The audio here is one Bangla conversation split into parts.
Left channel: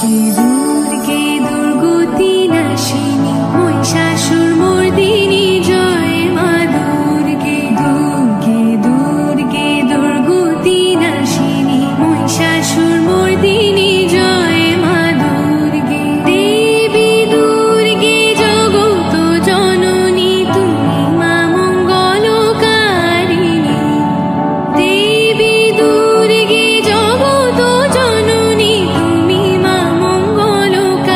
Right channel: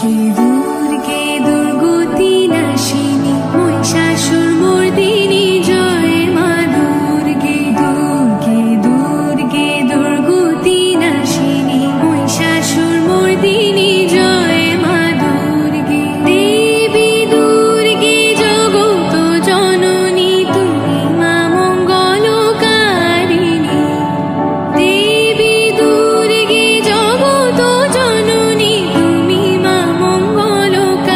দুর্গে দুর্গতি নাশিনী মহিষাসুর মর্দিনী জয় মা দুর্গে। দুর্গে দুর্গে দুর্গতি নাশিনী মহিষাসুর মর্দিনী জয় মা দুর্গে। দেবী দুর্গে জগত জননী তুমি মা মঙ্গলকারিণী। দেবী দুর্গে জগত জননী তুমি মা মঙ্গলকারিণী।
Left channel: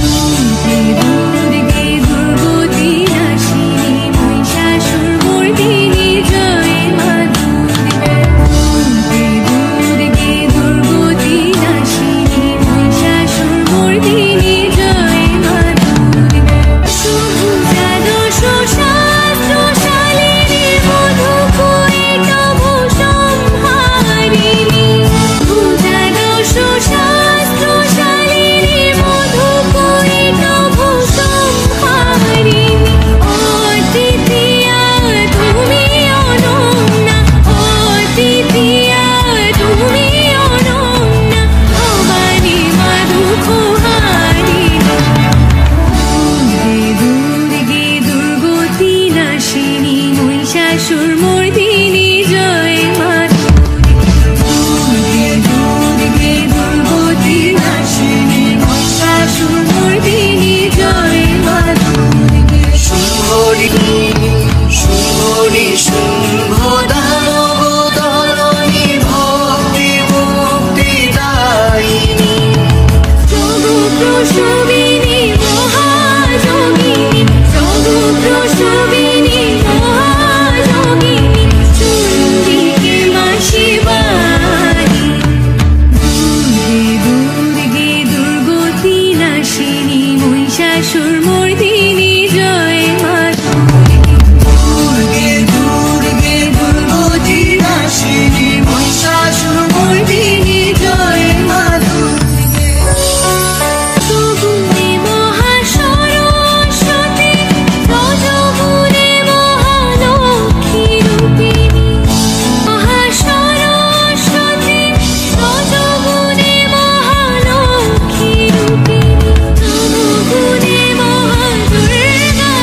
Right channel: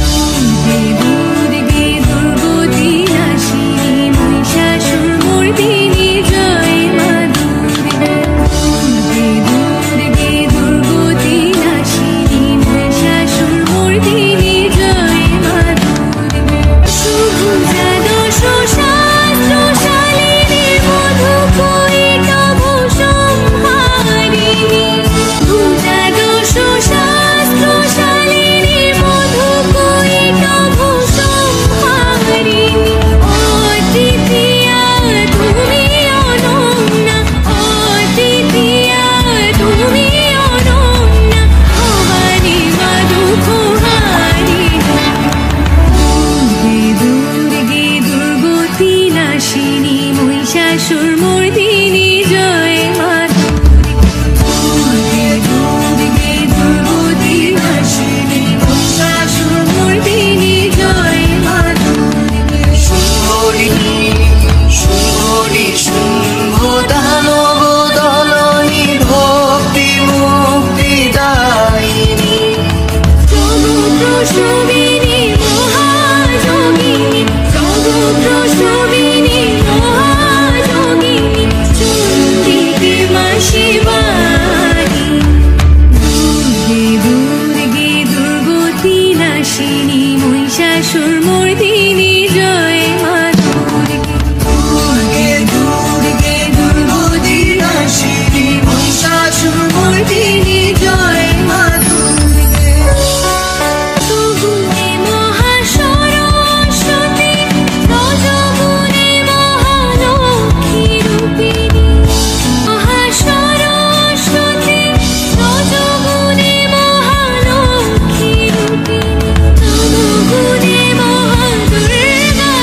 দুর্গে দুর্গে দুর্গতি নাশিনী মহিষাসুর মর্দিনী জয় মা দুর্গে। দুর্গে দুর্গে দুর্গতি নাশিনী মহিষাসুর মর্দিনী জয় মা দুর্গে। সুভুজা দশ শাস্ত্র শালিনী মধু কৈট ভূসংহারিণী। ভুজা দশ শাস্ত্র শালিনী মধু কৈট ভূসংহারিণী। অদ্বিতীয়া তুমি অনন্যা, অদ্বিতীয়া তুমি অনন্যা, ভবানী মা দুঃখহারিণী। দুর্গে দুর্গে দুর্গতি নাশিনী মহিষাসুর মর্দিনী জয় মা দুর্গে। দুর্গে দুর্গে দুর্গতি নাশিনী মহিষাসুর মর্দিনী জয় মা দুর্গে। শুম্ভনি শুম্ভনি শুম্ভদানব ধরণী ভক্তি মুক্তিদায়িনী। জগৎপ্রসবিনী মহাযোগিনী, জগৎপ্রসবিনী মহাযোগিনী, চণ্ডিকে মা শিবানী। দুর্গে দুর্গে দুর্গতি নাশিনী মহিষাসুর মর্দিনী জয় মা দুর্গে। দুর্গে দুর্গে দুর্গতি নাশিনী মহিষাসুর মর্দিনী জয় মা দুর্গে। সুগুণে মহাসরস্বতী, রজগুণে মহালক্ষ্মী রূপিণী। মহাসরস্বতী, রজগুণে মহালক্ষ্মী রূপিণী। তমগুণে মহাদুর্গা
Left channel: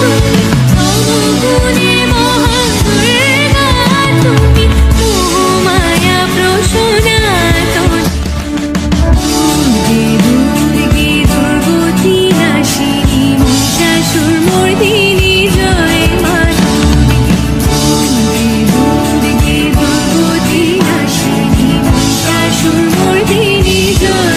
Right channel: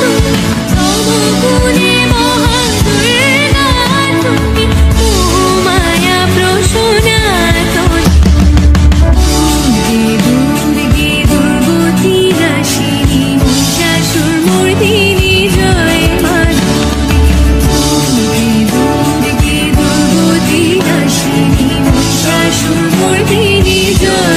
তুমি, তমগুণে মহাদুর্গা তুমি, মোহমায়া প্রসনাতনী। দুর্গে দুর্গে দুর্গতি নাশিনী মহিষাসুর মর্দিনী জয় মা দুর্গে। দুর্গে দুর্গে দুর্গতি নাশিনী মহিষাসুর মর্দিনী জয়।